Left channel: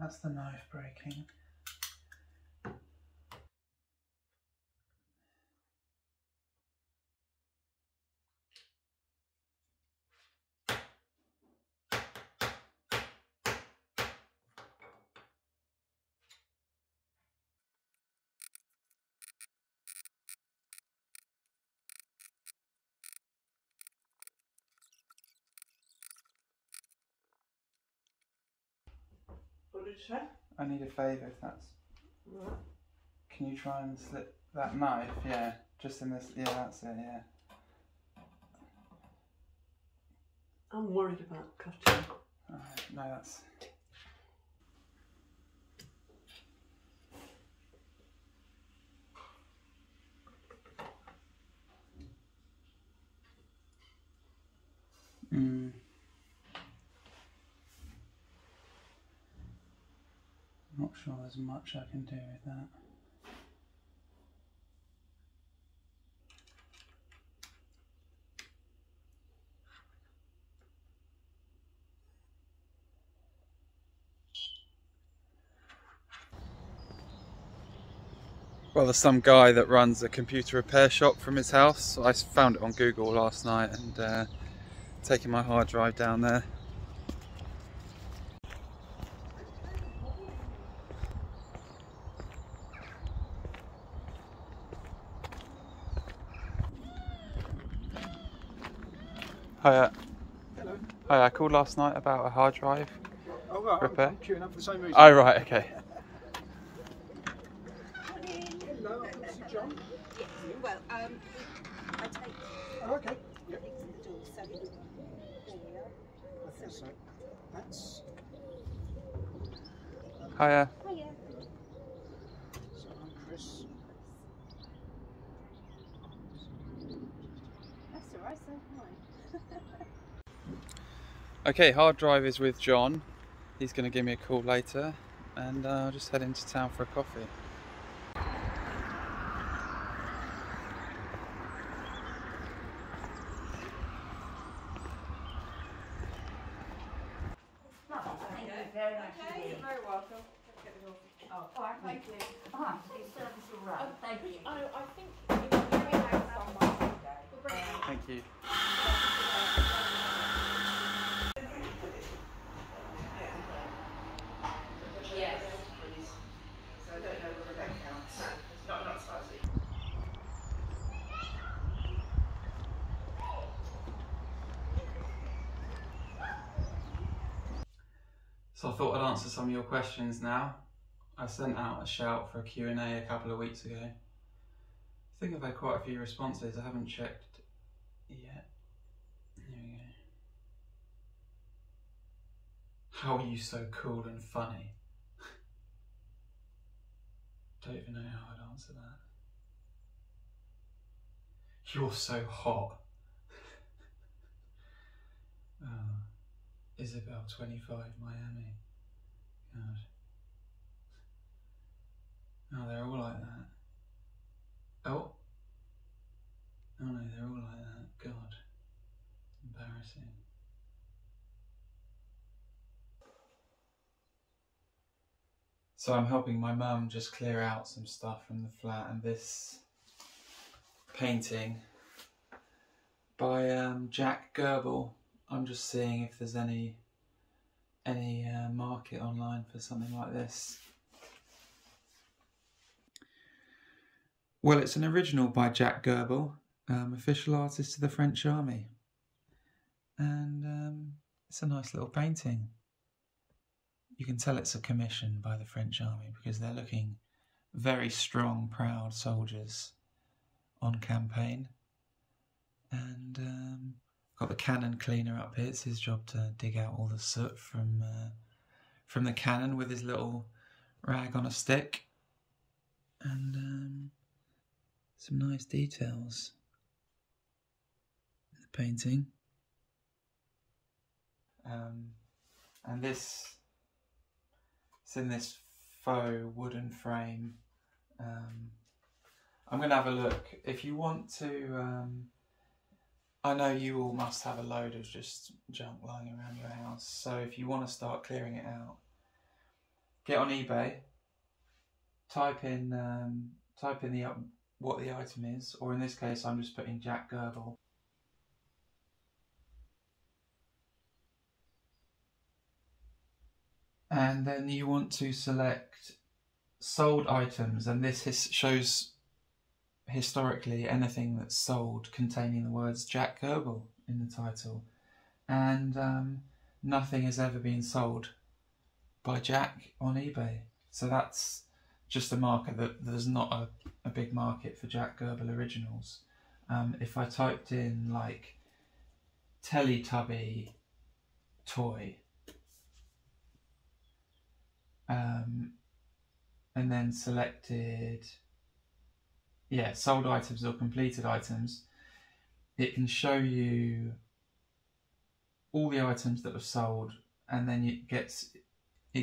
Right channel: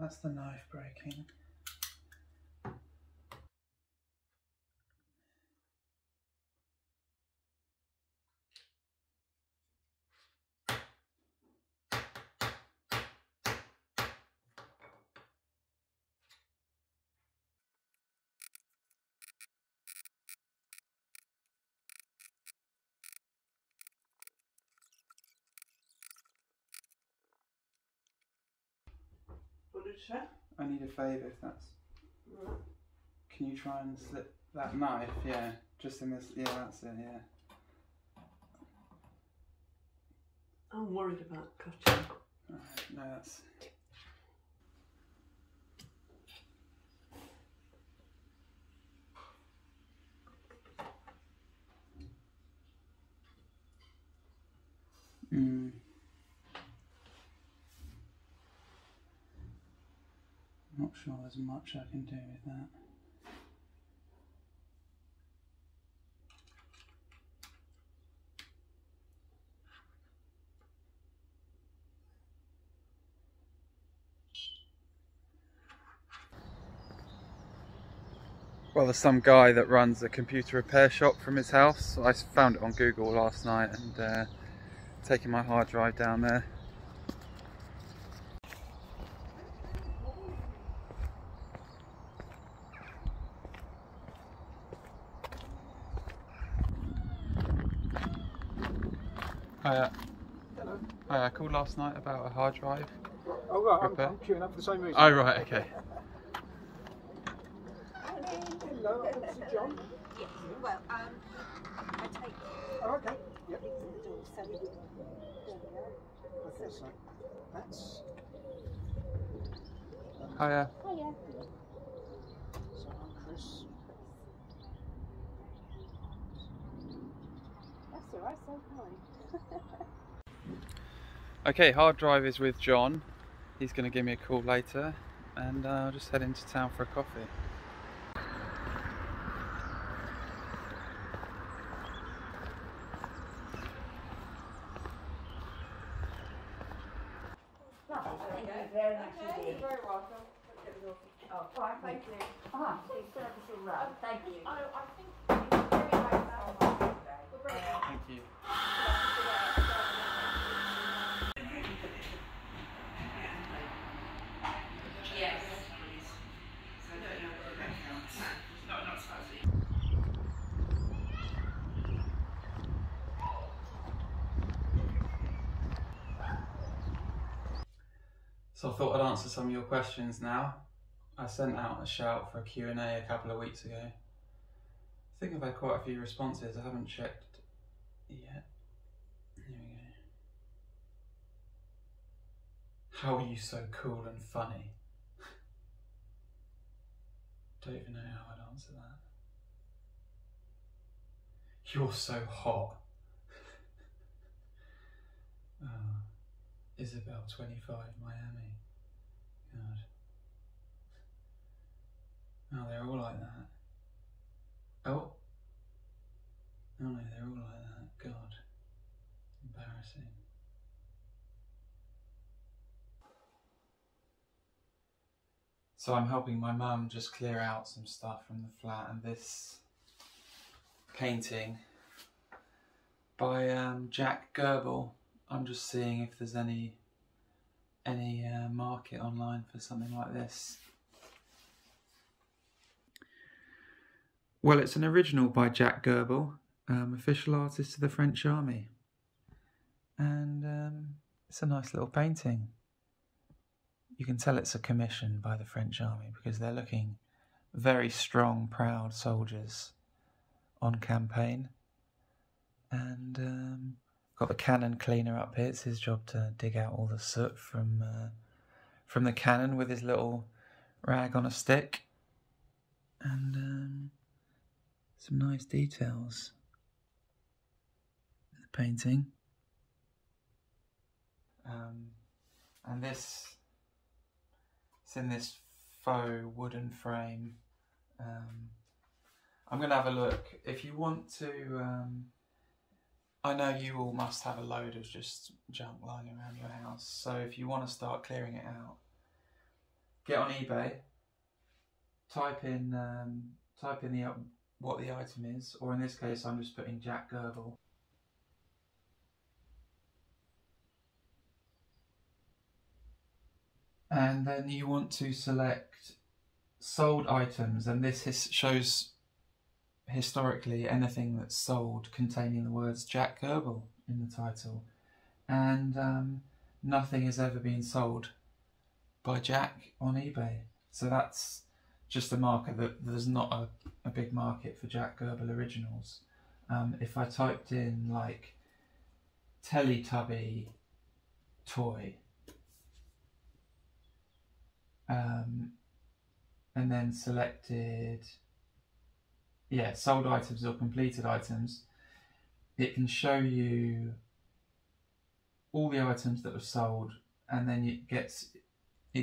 That's the knife breaking. What did you say? I need a favour if that's... What? Can you try and slip that knife? Yeah, just in this... Yeah, that's it, yeah. I'm worried about cutting. Oh, no, that's... Not sure there's much I can do with that. Well, there's some guy that runs a computer repair shop from his house. I found it on Google last night and taking my hard drive down there. Hiya. Hello. Hi, I called last night about a hard drive Oh right, repair. I'm queuing up for the same reason. Oh right, okay. Hello, I want to see John. Yes, well, I'll take Oh okay. Yep. things in the door, so there we are. Okay, so that's Hiya. Hiya. so I'm Chris. That's alright, so fine. Okay, hard drive is with John. He's going to give me a call later and I'll just head into town for a coffee. Thank you very much indeed. You're very welcome. Oh, fine, thank you. Fine, you still have this all right. Thank you. I think it's very nice on my birthday. Thank you. Yes. So I thought I'd answer some of your questions now. I sent out a shout for a Q&A a couple of weeks ago. I think I've had quite a few responses. I haven't checked yet. Here we go. How are you so cool and funny? Don't even know how I'd answer that. You're so hot. Isabel 25 Miami. God. Oh, they're all like that. Oh. Oh no, they're all like that. God. Embarrassing. So I'm helping my mum just clear out some stuff from the flat, and this painting by Jack Goebel. I'm just seeing if there's any market online for something like this. Well, it's an original by Jack Goebel, official artist of the French Army, and it's a nice little painting. You can tell it's a commission by the French Army because they're looking very strong, proud soldiers on campaign. And got the cannon cleaner up here. It's his job to dig out all the soot from the cannon with his little rag on a stick. And some nice details in the painting. And this, it's in this faux wooden frame. I'm going to have a look. If you want to, I know you all must have a load of just junk lying around your house, so if you want to start clearing it out, get on eBay, type in what the item is, or in this case I'm just putting Jack Goebel. And then you want to select sold items, and this shows historically anything that's sold containing the words Jack Goebel in the title. And nothing has ever been sold by Jack on eBay. So that's just a marker that there's not a big market for Jack Goebel originals. If I typed in like Teletubby toy, and then selected sold items or completed items, it can show you all the items that have sold, and then it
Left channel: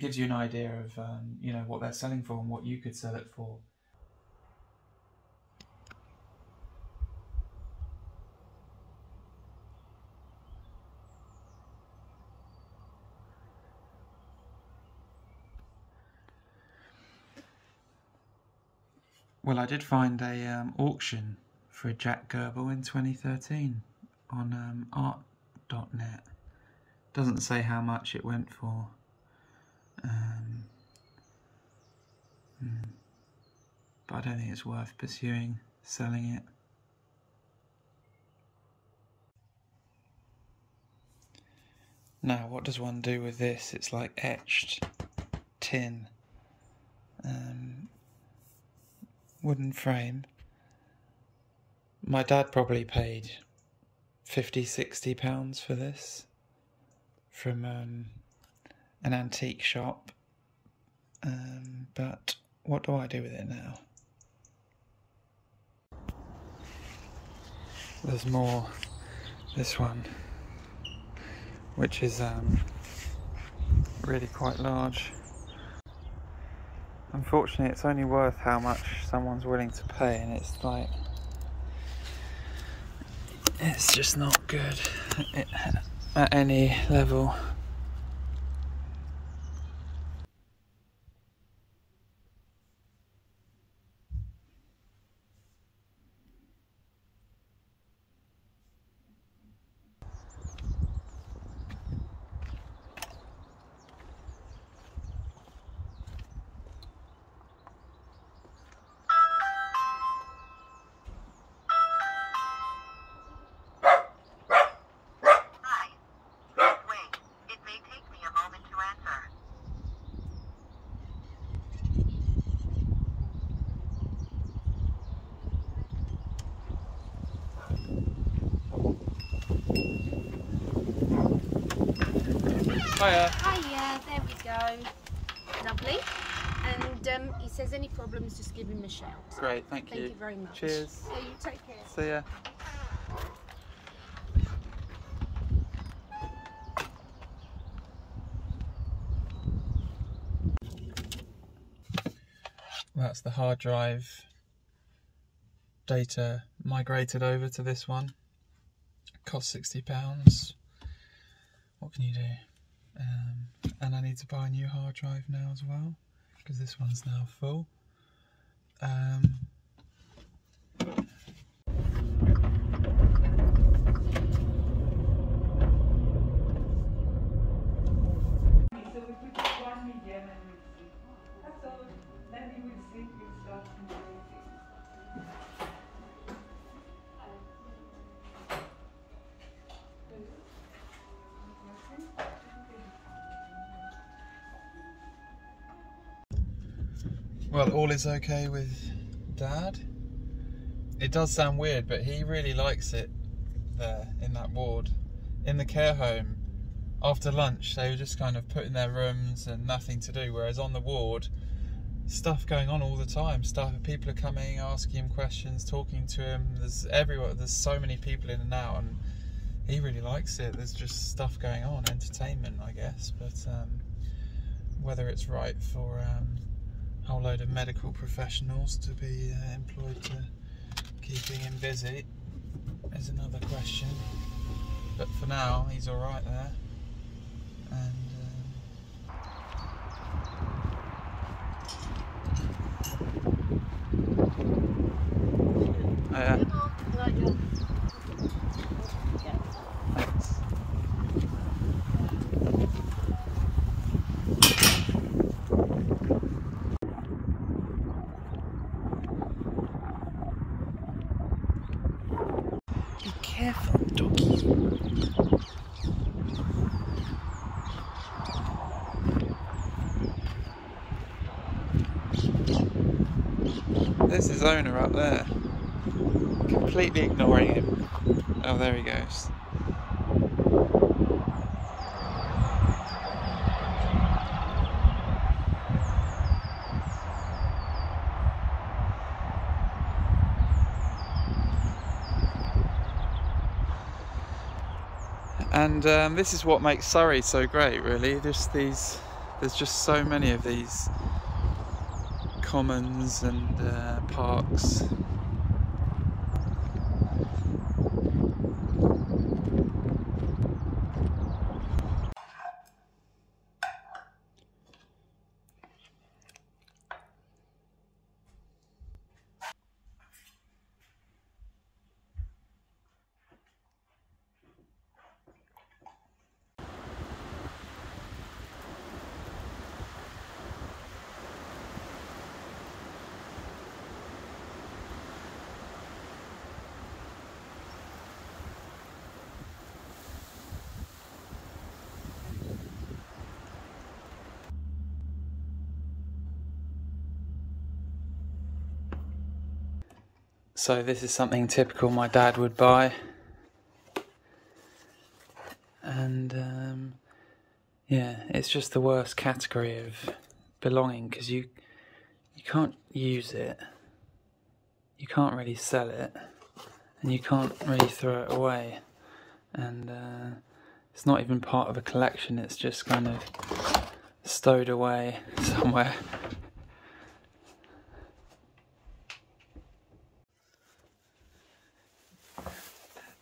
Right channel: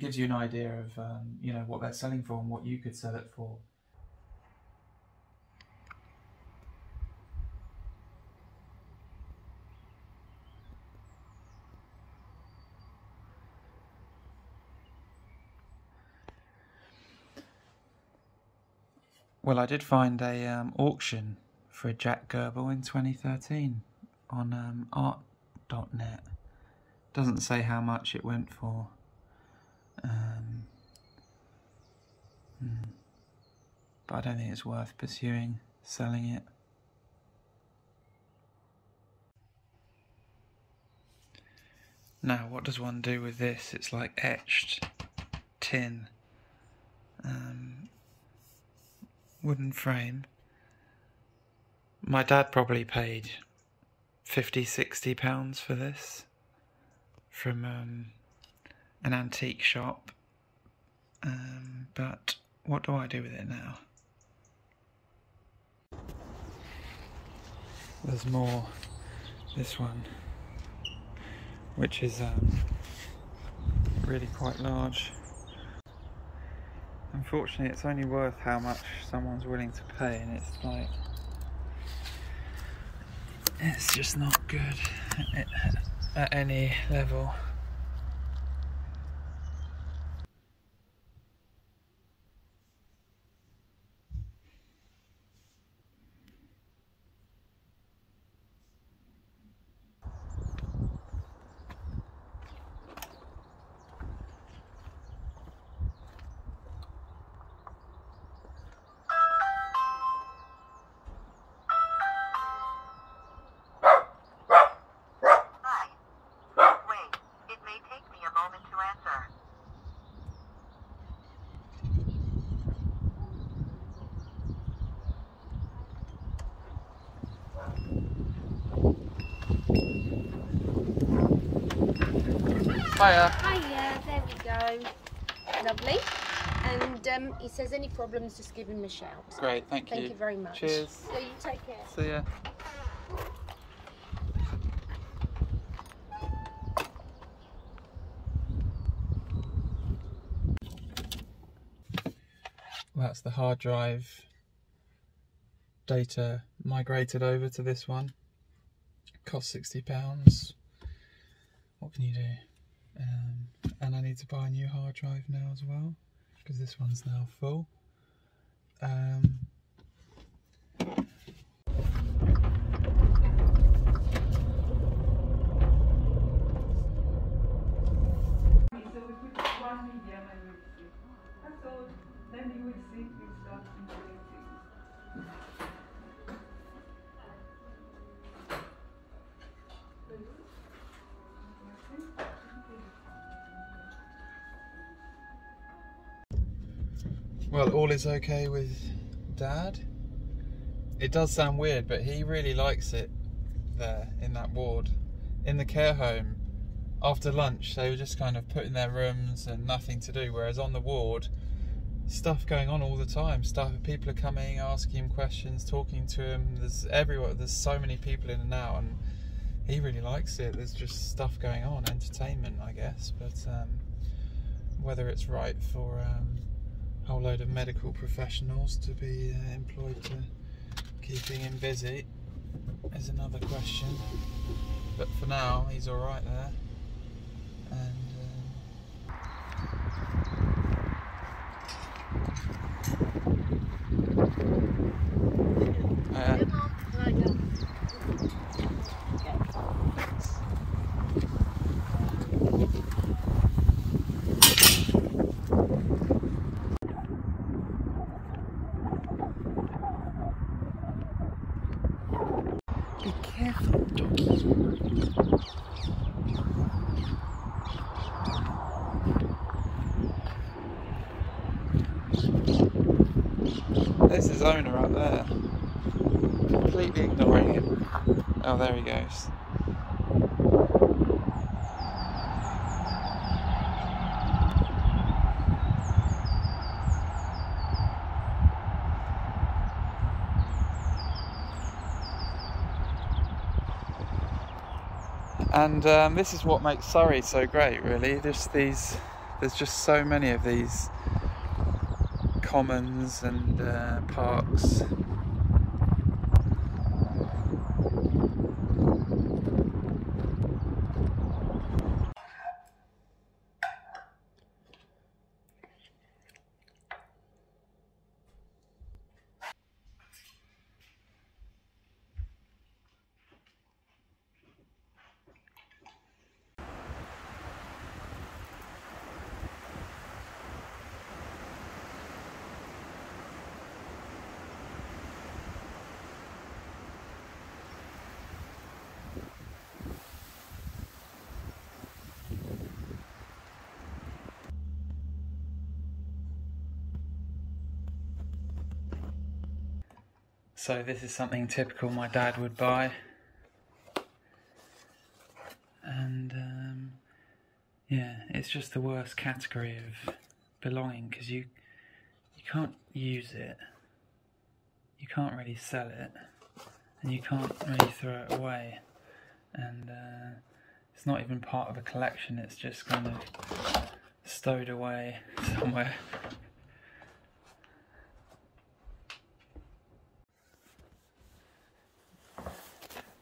gives you an idea of you know, what they're selling for and what you could sell it for. Well, I did find a auction for a Jack Goebel in 2013 on art.net. Doesn't say how much it went for. But I don't think it's worth pursuing selling it. Now, what does one do with this? It's like etched tin. Wooden frame. My dad probably paid £50–60 for this from an antique shop. But what do I do with it now? There's more. This one, which is really quite large. Unfortunately, it's only worth how much someone's willing to pay, and it's like, it's just not good at any level. Hiya. Hiya, there we go. Lovely. And he says any problems, just give him a shout. Great, thank you. Thank you very much. Cheers. Yeah, you take care. See ya. That's the hard drive data migrated over to this one. Cost £60. What can you do? And I need to buy a new hard drive now as well, because this one's now full. Well, all is okay with Dad. It does sound weird, but he really likes it there in that ward. In the care home, after lunch, they were just kind of put in their rooms and nothing to do, whereas on the ward, stuff going on all the time. People are coming, asking him questions, talking to him. There's everywhere. There's so many people in and out, and he really likes it. There's just stuff going on, entertainment, I guess. But whether it's right for a whole load of medical professionals to be employed to keeping him busy is another question. But for now, he's all right there. And Hiya. Right, yeah. Thanks. Be careful, doggy. There's his owner up there, completely ignoring him. Oh, there he goes. And this is what makes Surrey so great, really. There's just so many of these commons and parks. So this is something typical my dad would buy, and yeah, it's just the worst category of belonging, because you can't use it, you can't really sell it, and you can't really throw it away, and it's not even part of a collection, it's just kind of stowed away somewhere.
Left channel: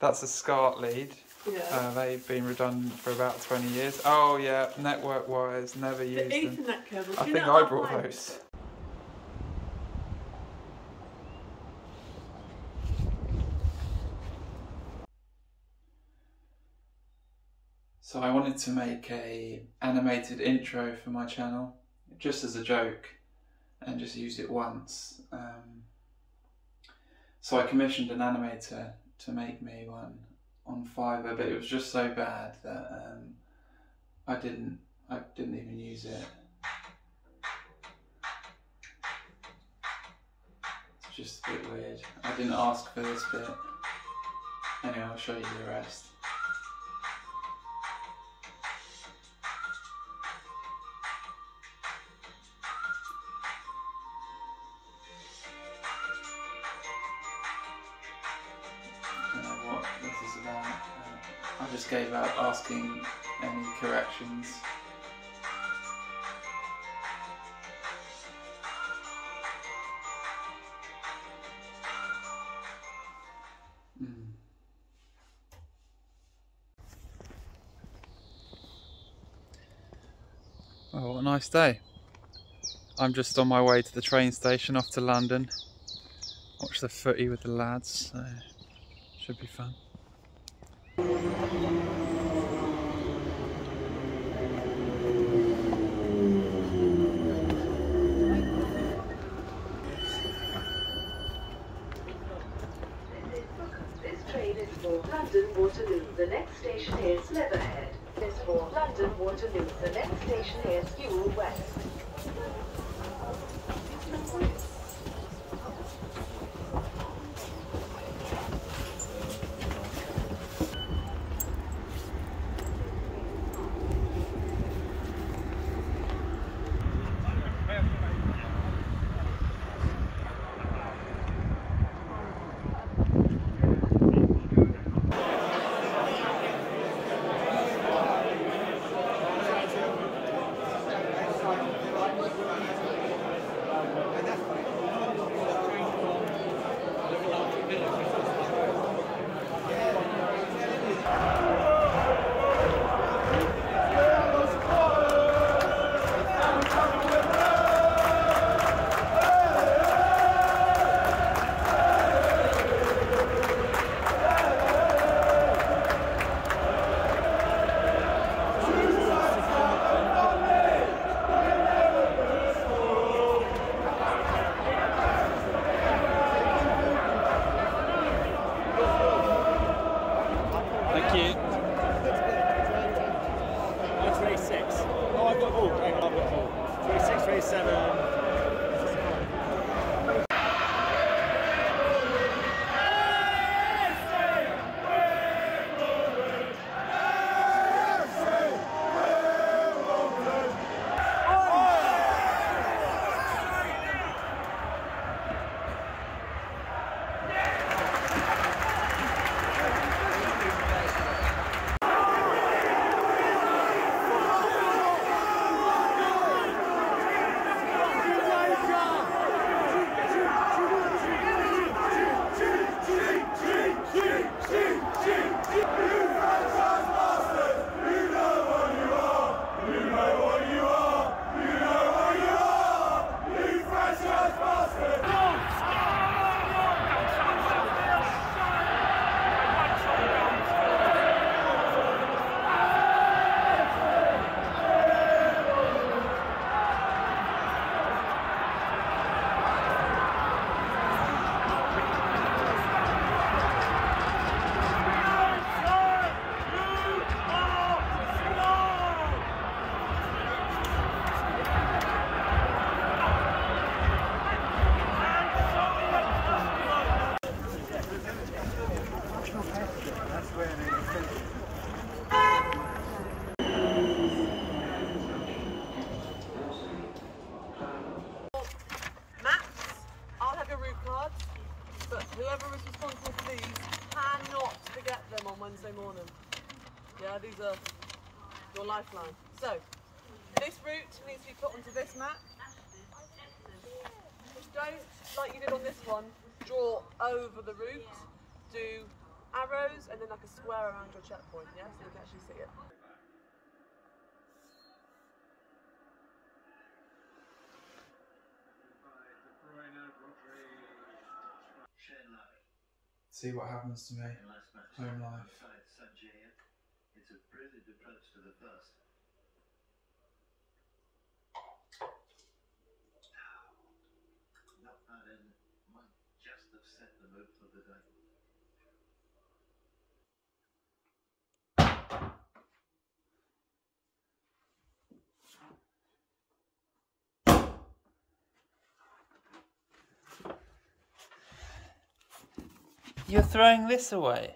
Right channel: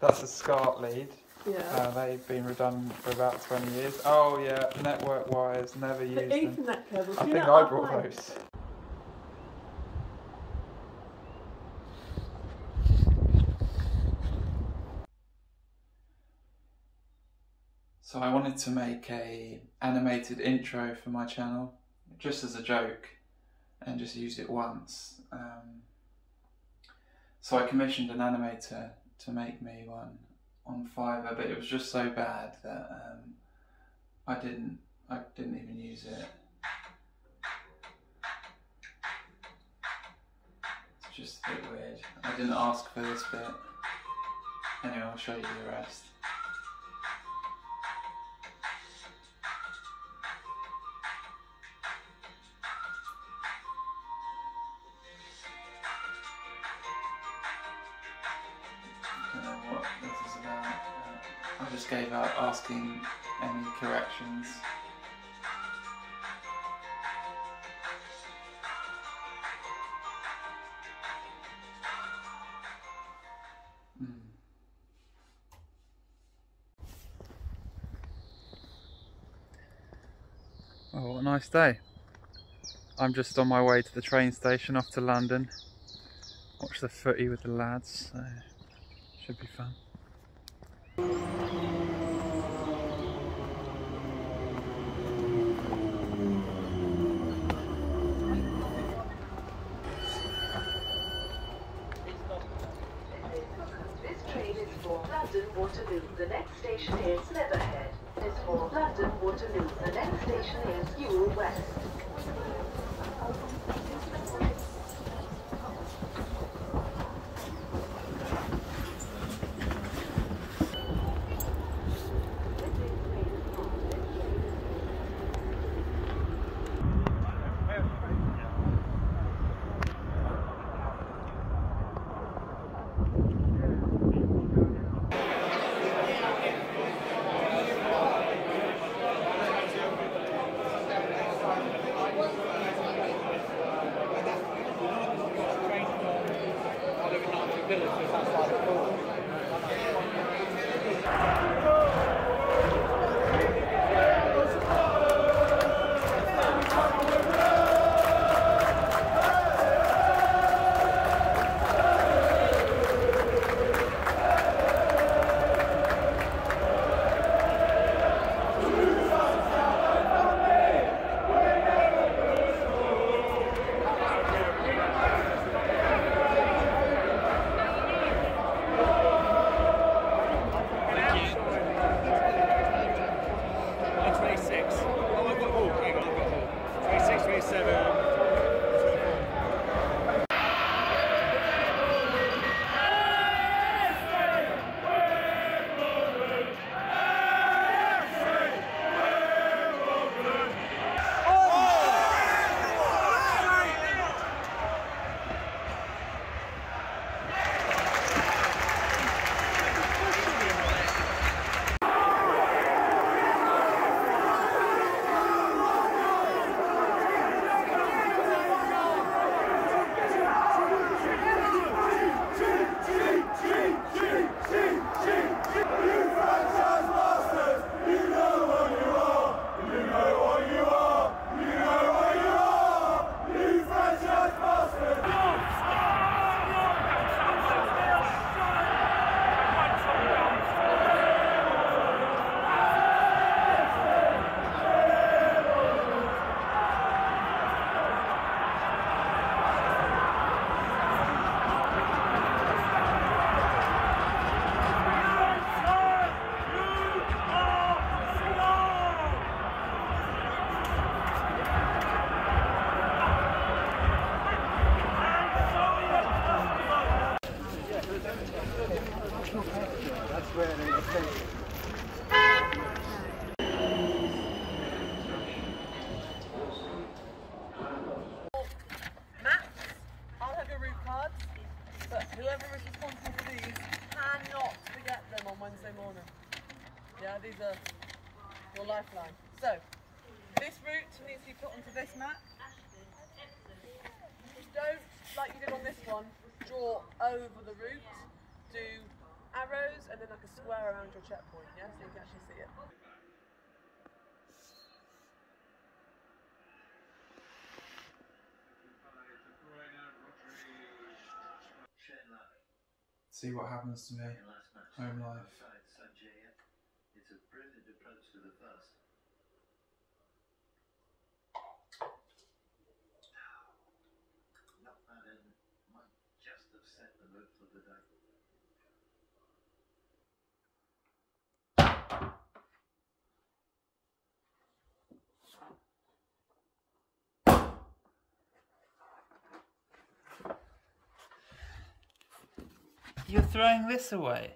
That's a SCART lead. Yeah. They've been redundant for about 20 years. Oh yeah, network wires, never The used them. Ethernet cables. I you think know, I brought mine- those. So I wanted to make a animated intro for my channel, just as a joke, and just use it once. So I commissioned an animator to make me one on Fiverr, but it was just so bad that I didn't even use it. It's just a bit weird. I didn't ask for this bit. Anyway, I'll show you the rest. I don't know what this is about. I just gave up asking any corrections. Oh, what a nice day. I'm just on my way to the train station off to London. Watch the footy with the lads, so should be fun. This train is for London Waterloo. The next station is Leatherhead. This is for London Waterloo. The next station is Ewell West. 27. But whoever is responsible for these cannot forget them on Wednesday morning. Yeah, these are your lifeline. So, this route needs to be put onto this map. Don't, like you did on this one, draw over the route. Do arrows and then like a square around your checkpoint, yeah? So you can actually see it. See what happens to me. Home life. It's a brilliant approach to the first. Knock that in, might just have set the mood for the day. You're throwing this away?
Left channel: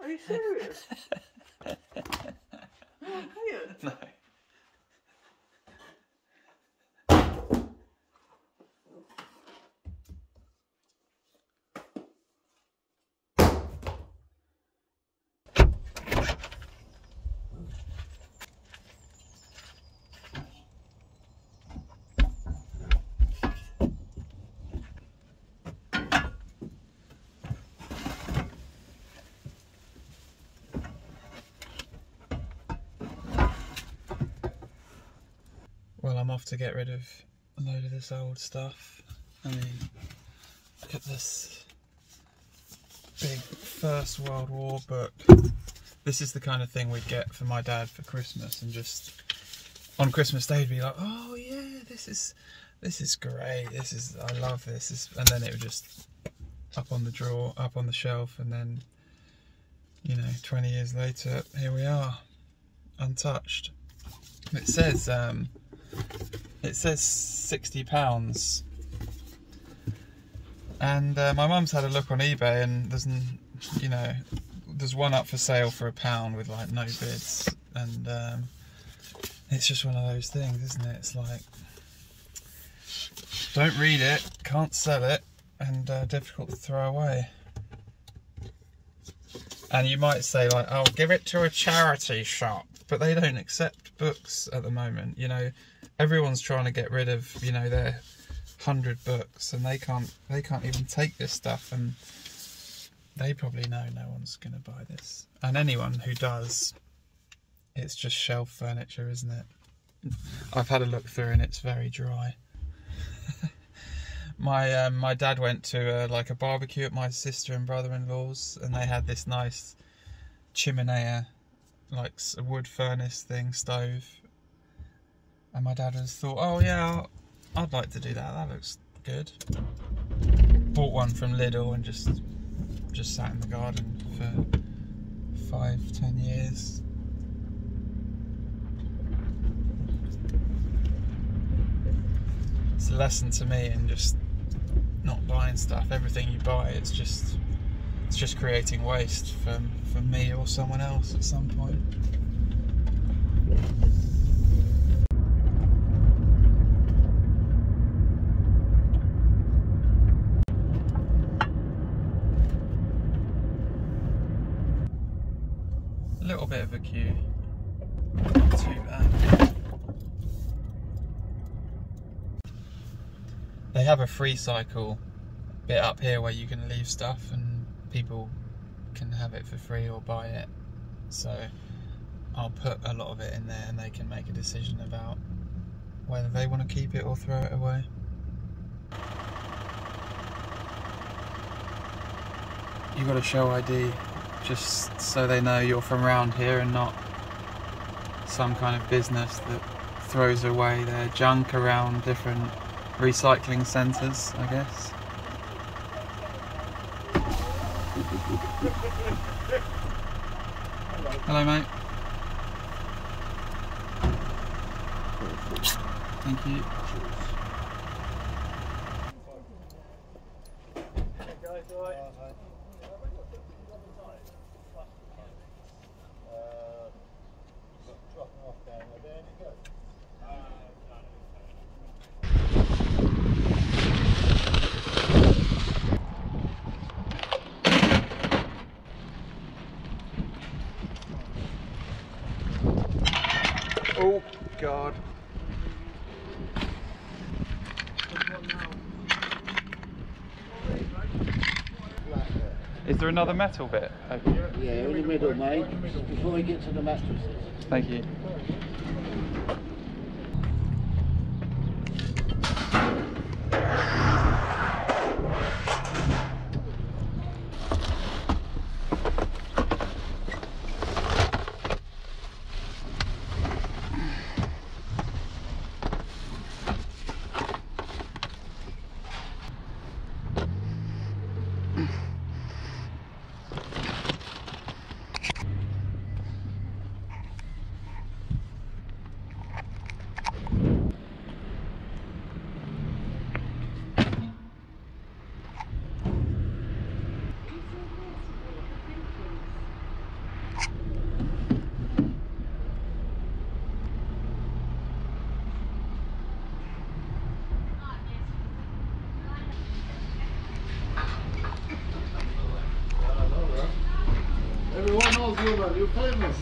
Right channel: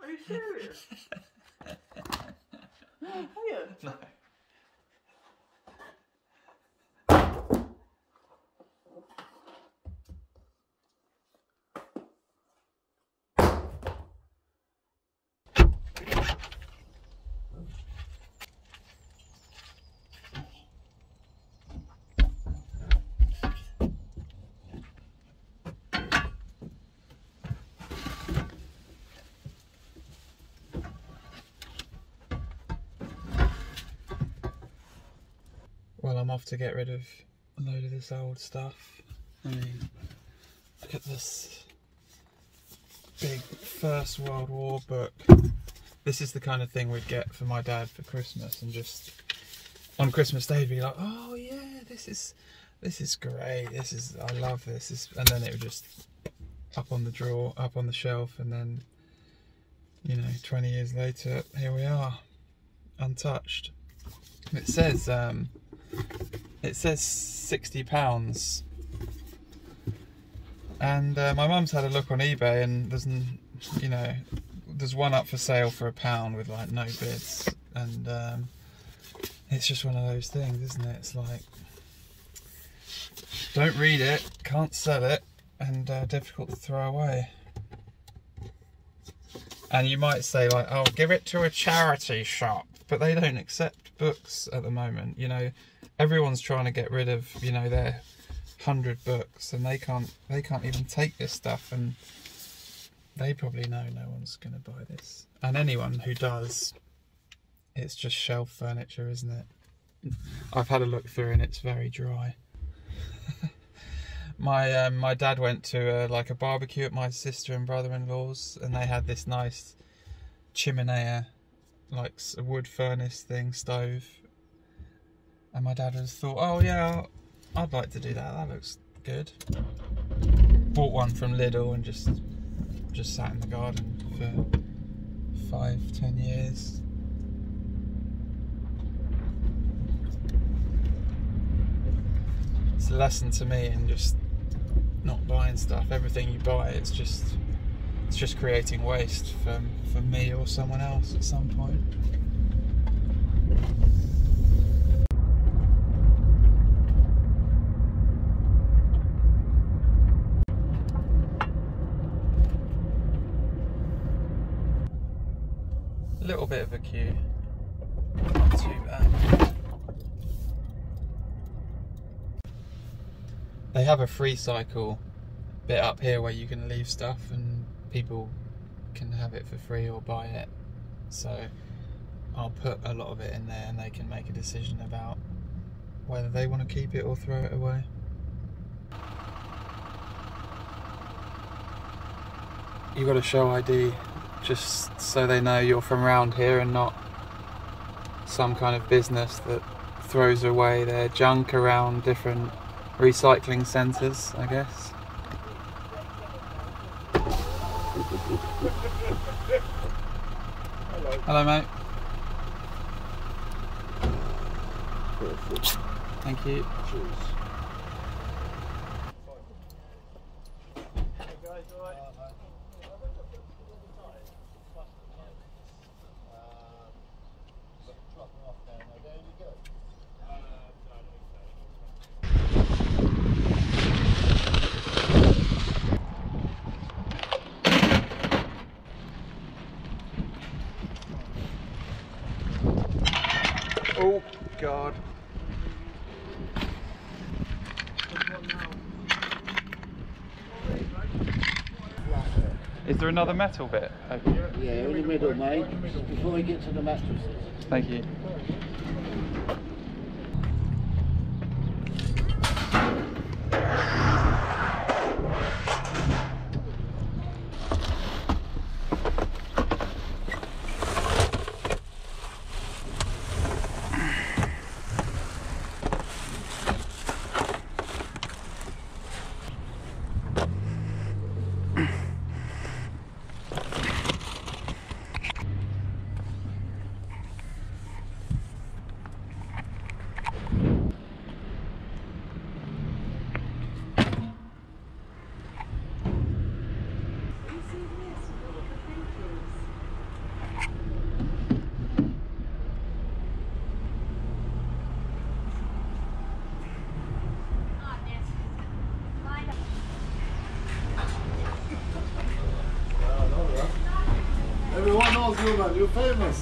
Are you serious? No, I'm here. No. Well, I'm off to get rid of a load of this old stuff. I mean, look at this big First World War book. This is the kind of thing we'd get for my dad for Christmas, and just on Christmas Day he'd be like, "Oh yeah, this is great. I love this." And then it would just up on the drawer, up on the shelf, and then 20 years later, here we are, untouched. It says £60, and my mum's had a look on eBay, and there's one up for sale for £1 with like no bids, and it's just one of those things, isn't it? It's like, don't read it, can't sell it, and difficult to throw away. And you might say like, "Oh, give it to a charity shop," but they don't accept books at the moment. Everyone's trying to get rid of their 100 books, and they can't even take this stuff, and they probably know no one's going to buy this. And anyone who does, it's just shelf furniture, isn't it? I've had a look through and it's very dry. My dad went to a barbecue at my sister and brother-in-law's, and they had this nice chimenea, like a wood furnace thing, stove. And my dad has thought, "Oh yeah, I'd like to do that. That looks good." Bought one from Lidl and just sat in the garden for 5-10 years. it's a lesson to me in just not buying stuff. Everything you buy, it's just creating waste for me or someone else at some point. A little bit of a queue, not too bad. They have a free cycle bit up here where you can leave stuff and people can have it for free or buy it. So I'll put a lot of it in there and they can make a decision about whether they want to keep it or throw it away. You got to show ID just so they know you're from around here and not some kind of business that throws away their junk around different recycling centres, I guess. Hello, mate. Thank you. Oh, God. Is there another metal bit? Yeah, in the middle, mate, before we get to the mattresses. Thank you. Everyone knows you, man. You're famous.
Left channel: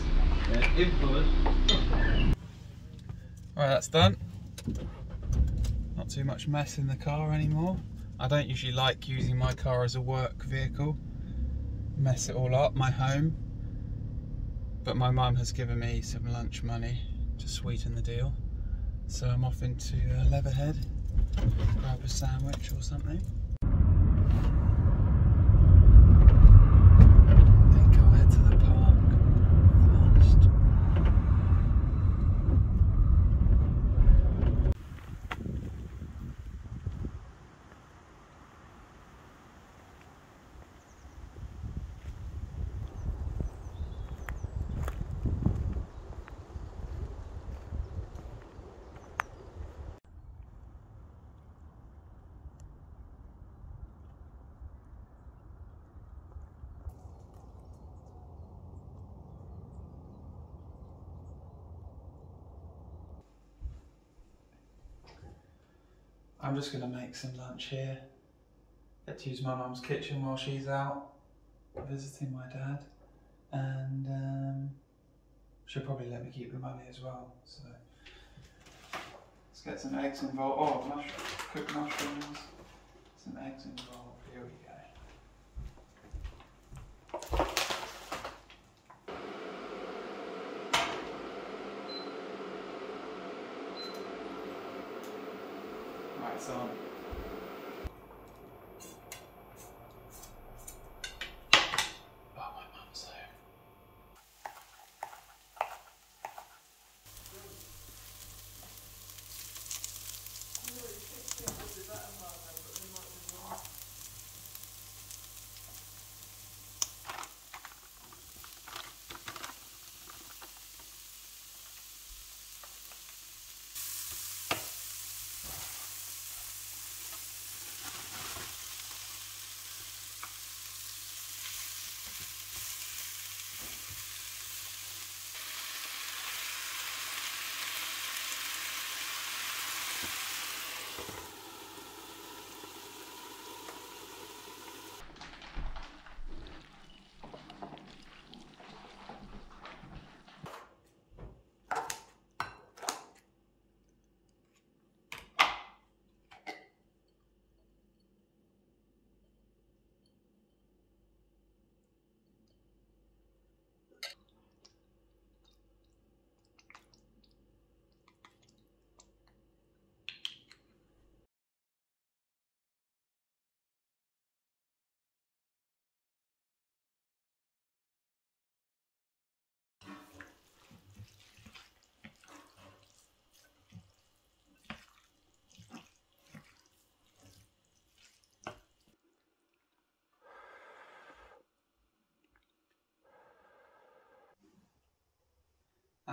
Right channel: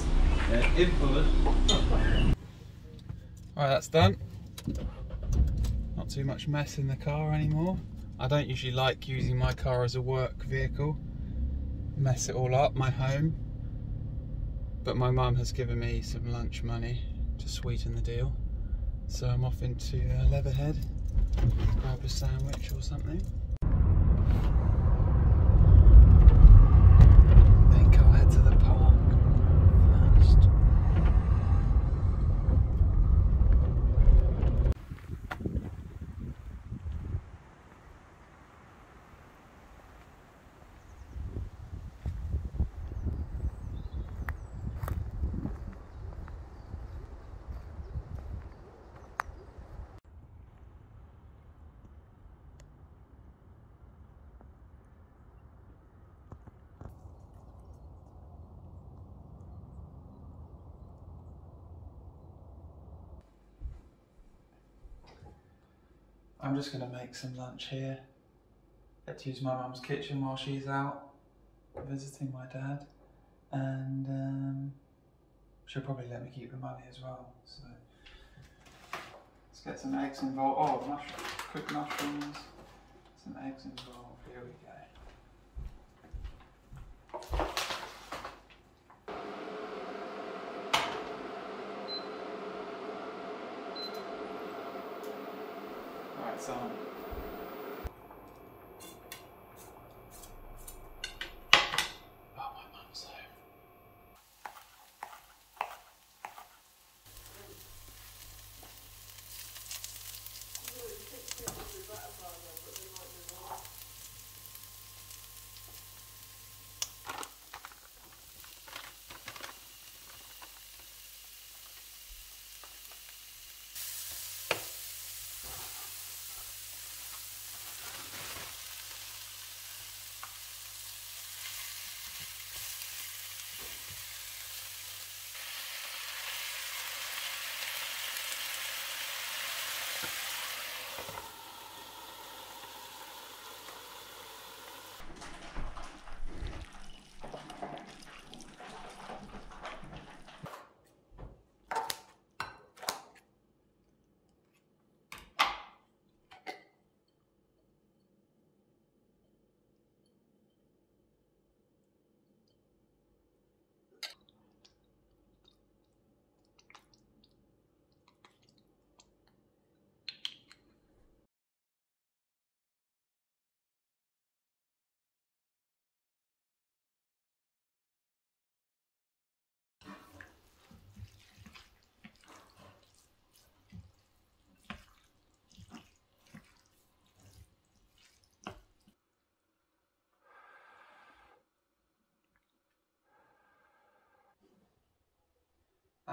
Yeah, infamous. Right, that's done. Not too much mess in the car anymore. I don't usually like using my car as a work vehicle. Mess it all up, my home. But my mum has given me some lunch money to sweeten the deal. So I'm off into Leatherhead, grab a sandwich or something. I think I'll head to the park first. I'm just going to make some lunch here. Get to use my mum's kitchen while she's out visiting my dad, and she'll probably let me keep the money as well. So let's get some eggs involved. Oh, cooked mushrooms, some eggs involved. Here we go. Right, so oh, my mum's home.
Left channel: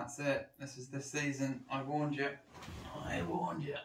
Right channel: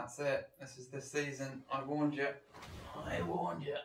That's it. This is this season. I warned you. I warned you.